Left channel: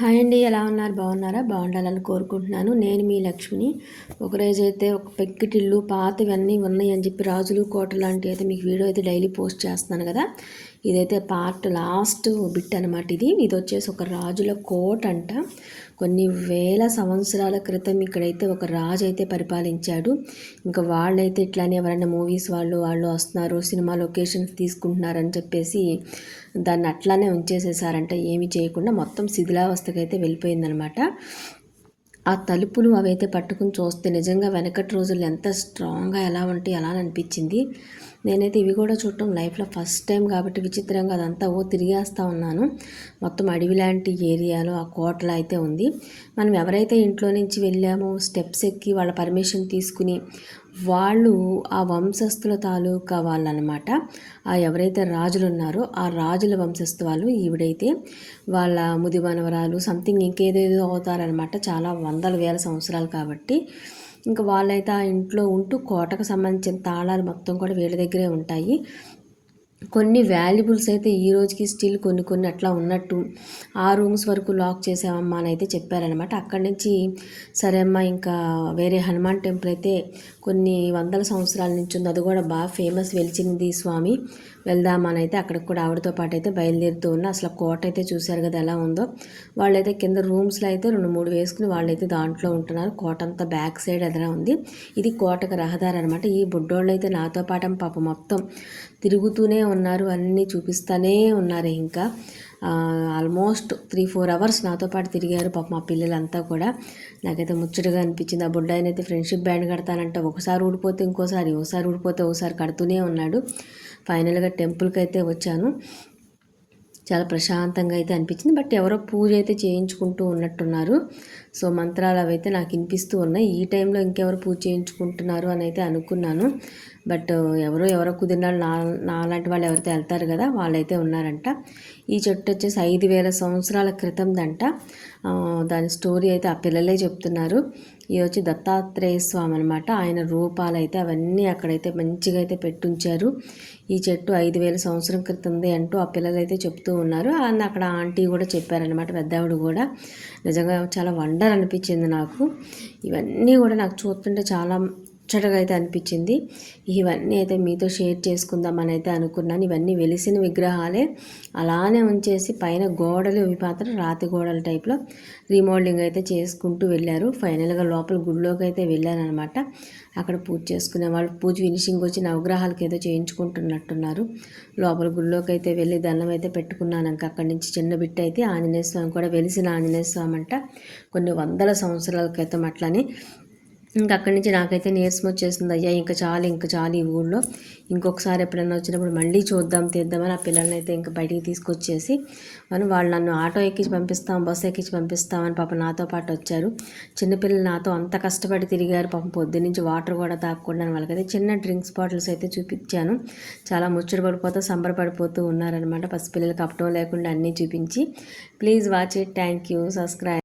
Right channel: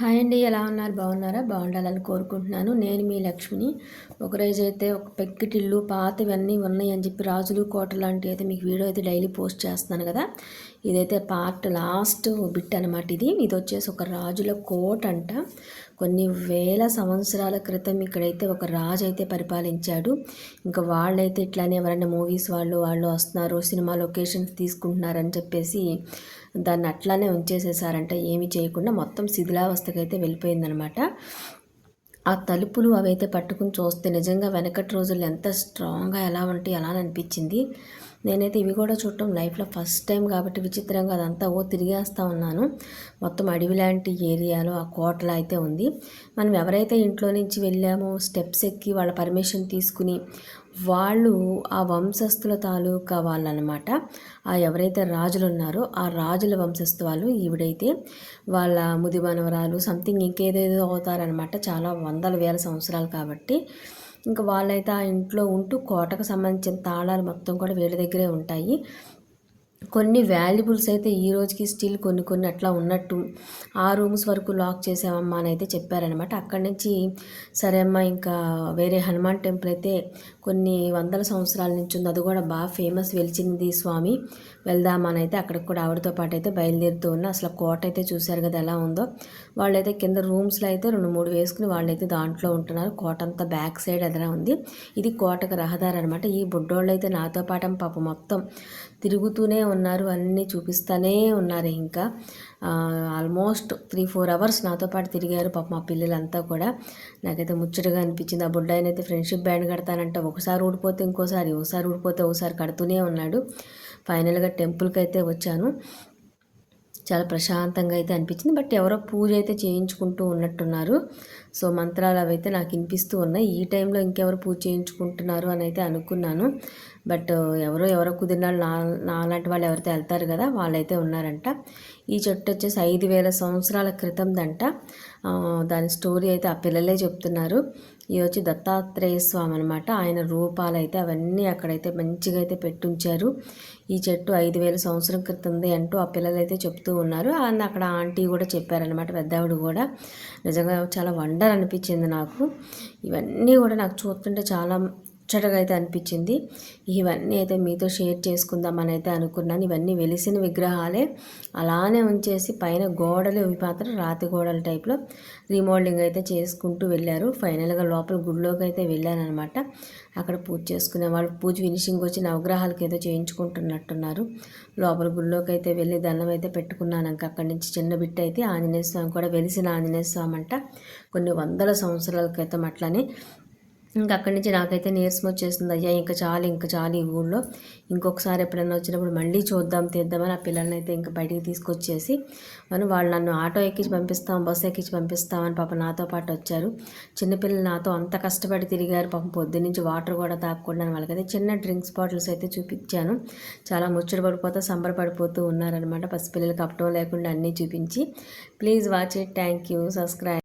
Hi అండి ఎలా ఉన్నారు? బాగున్నారా? బాగుండాలని కోరుకుంటున్నాను. నేను మీ లక్ష్మిని. ఒకరోజైతే అయితే ఒక పెక్కిటిల్లు పాతవన్నీ ఉన్నాయి అని చెప్పి రాజులు కోట లాంటివి అయితే మీకు వీడియో అయితే డైలీ పోస్ట్ చేస్తున్నాను కదా. ఇదైతే పార్ట్ లాస్ట్ బిట్ అనమాట ఇది. ఇది వచ్చేసి ఒక రాజుల కోట అంట. కొన్ని వేల సంవత్సరాల క్రితం ఇక్కడైతే ఒక రాజు అయితే పరిపాలించాడు. ఇంకా వాళ్ళైతే ఇట్లానే ఎవరైనా మూవీస్ వాళ్ళు వాళ్ళు వస్తున్నారు సినిమా లొకేషన్స్ తీసుకుంటున్నారని చెప్పేసి దాన్ని అట్లానే ఉంచేసేసారంట. ఏమి చేయకుండా మొత్తం శిథిలావస్థకైతే అయితే వెళ్ళిపోయిందనమాట ఆ తలుపులు అవైతే పట్టుకుని చూస్తే నిజంగా వెనకటి రోజులు ఎంత స్ట్రాంగ్గా ఎలా ఉంటే ఎలా అనిపించింది. నేనైతే ఇవి కూడా చూడటం లైఫ్లో ఫస్ట్ టైం కాబట్టి విచిత్రంగా అదంతా ఓ తిరిగేస్తూ ఉన్నాను. మొత్తం అడవి లాంటి ఏరియాలో ఆ కోటలో అయితే ఉంది. మనం ఎవరైతే ఇంట్లో నుంచి వెళ్ళామో స్టెప్స్ ఎక్కి వాళ్ళ పర్మిషన్ తీసుకుని వాళ్ళు ఆ వంశస్థుల తాలూకా వాళ్ళనమాట. ఆ ఎవరైతే రాజులు ఉన్నారో ఆ రాజుల వంశస్థు వాళ్ళు ఈవిడైతే వాళ్ళ ముది మనవరాలు సంథింగ్ ఇంకేదేదో అవుతారనమాట. చాలా వందల వేల సంవత్సరాలు కాబట్టి ఇంకా వాళ్ళైతే ఆ ఇంట్లో ఉంటూ కోటకు సంబంధించిన తాళాలు మొత్తం కూడా వీళ్ళ దగ్గరే ఉంటాయి. కొన్ని వాల్యుబుల్స్ అయితే ఈ రోజుకి స్టిల్ కొన్ని కొన్ని అట్లా ఉన్నట్టు ఆ రూమ్స్ వరకు లాక్ చేసామమ్మా అని అయితే చెప్పారనమాట అక్కడి నుంచి సరే అమ్మా ఇంకా వేరే హనుమాన్ టెంపుల్ అయితే కొన్ని వందల సంవత్సరాల నుంచి ఉంది. అది కూడా బాగా ఫేమస్ వెలిచింది స్వామి. వెళ్దామని అయితే అక్కడికి కూడా ఆవిడతో పాటు అయితే బయలుదేరుతూ ఉన్నా. అసలు కోట అయితే చూశారు కదా ఎలా ఉందో. వాళ్ళైతే కింద రూమ్స్లో అయితే రెండు మూడు వేసుకుని వాళ్ళైతే దాంట్లో ఉంటున్నారు. కోట అంతా బ్యాక్ సైడ్ ఎదరా ఉంది. ఇది కోటకు రహదారి అనమాట ఈ బుడ్డోళ్ళు అయితే నాతో పాటు పాప మొత్తం తిరుగుతూనే ఉన్నారు అన్నీ చూపిస్తూనే ఉన్నారు ఇంకా. ఆల్మోస్ట్ త్రీ ఫోర్ అవర్స్ నాతో పాటు తిరిగారు పాప మా పిల్లలంతా కూడా. నాకైతే ముచ్చటగా అనిపించింది. ఆ బుడ్డాయనైతే ఫ్రెండ్షిప్ బ్యాండ్ కడతానంటే. ఒకసారి ఊడిపోతే ఇంకోసారి ఒకసారి ఊడిపోతే ఒకసారి కడుతూనే ఉన్నాడు. ఫైనల్గా టెంపుల్కి అయితే వచ్చాను. చాలా ప్రశాంతంగా అయితే అనిపించింది. బట్ ఎవరో పూజ అయితే చేయించుకుంటూ ఉన్నట్టున్నారు. సో మంత్రాలు అవి అయితే నాకు వినిపిస్తూ ఉన్నాయి. ఈ టైంలో ఇంకెవరు పూజ చేయించుకుంటున్నారు అని అయితే అనుకున్నాను. బట్ ఎవరో ఎవరో కుదిరిన నా నాలాంటి వాళ్ళు ఎవరైతే వెళ్తారు కదా వాళ్ళైతే ఉన్నారంట. ఈ చెట్టు వచ్చేసి ఐదు వేల సంవత్సరాల క్రితందంట. దాని స్టోరీ అయితే ఆ పిల్లలే చెప్తున్నారు. ఇది వచ్చి దత్తాత్రేయ స్వామి అనమాట ఆయన రూపాలు అయితే అవన్నీ అక్కడైతే మంచిగా అయితే పెట్టుంచారు. ఈ చెట్టు ఐదు వేల సంవత్సరం క్రితంది అంటూ ఆ పిల్లలు అయితే చెప్తూ ఉన్నారు. అండ్ అక్కడ ఆంటీ కూడా చెప్పారనమాట పెద్దవాడు కూడా. నిజంగా చాలా వండర్ అనిపించింది నాకు. ఇవన్నీ కూడా నాకు చూస్తుంటే చాలా ముచ్చటగా అయితే అనిపించింది. ఇవన్నీ అయితే మీతో షేర్ చేసుకుందామని అయితే అనుకున్నాను. ఇవన్నీ వెలిసిన విగ్రహాలే. అలానే ఉంచేసి పైన గోడలు ఇవి మాత్రం రాతి గోడల టైప్లో రీమోల్డింగ్ అయితే చేసుకుంటూ వెళ్ళారు. ఫైనల్గా లోపల గుడిలోకి అయితే వెళ్ళాను అనమాట అక్కడ పూజ చేసుకునే వాళ్ళు పూజ ఫినిషింగ్ వచ్చి నవగ్రహాలకి ఏదో చేయించుకుంటున్నట్టున్నారు. లోపల గుడిలోకి అయితే వెళ్ళి దండం అయితే పెట్టుకున్నాను. ఇంకా అక్కడి నుంచి చిన్న బిడ్డ అయితే ఆంజనేయ స్వామి కూడా వెలిసిన ఆంజనేయ స్వామి అంట. కొన్ని వందల సంవత్సరాల క్రితం అట్లనే ఇంకా అక్కడి నుంచి నాకైతే నీరసం వచ్చేసింది. అయ్యా ఇంకా చాలు ఇంకా చాలు ఈ ఊళ్ళో ఇంకొకసారి ఎప్పుడైనా వచ్చినప్పుడు మళ్ళీ చూద్దాం తీద్దామని ఆ పిల్లల్ని అయితే ఇంకా బయటికి తీసుకొచ్చేసి మనం వాళ్ళు నన్ను ఆటో ఎక్కించి పంపిస్తాం బస్సు ఎక్కించి పంపిస్తామని పాప నాతో పాటు వచ్చారు. చిన్నపిల్లలు నాతో అంత కష్టపడి తిరిగారు. పాపం పొద్దు నుంచి వాటర్ కూడా తాగకుండా వాళ్ళకైతే చిన్న డ్రింక్స్ బాటిల్స్ అయితే చూపించాను. చాలా ముచ్చట పడిపోతూ సంబరపడిపోతూ ఉన్నారనమాట పసిపిల్లలకి అప్పటం లేకుండా అన్నీ చూపించి. Please watch it. Thank you. Subscribe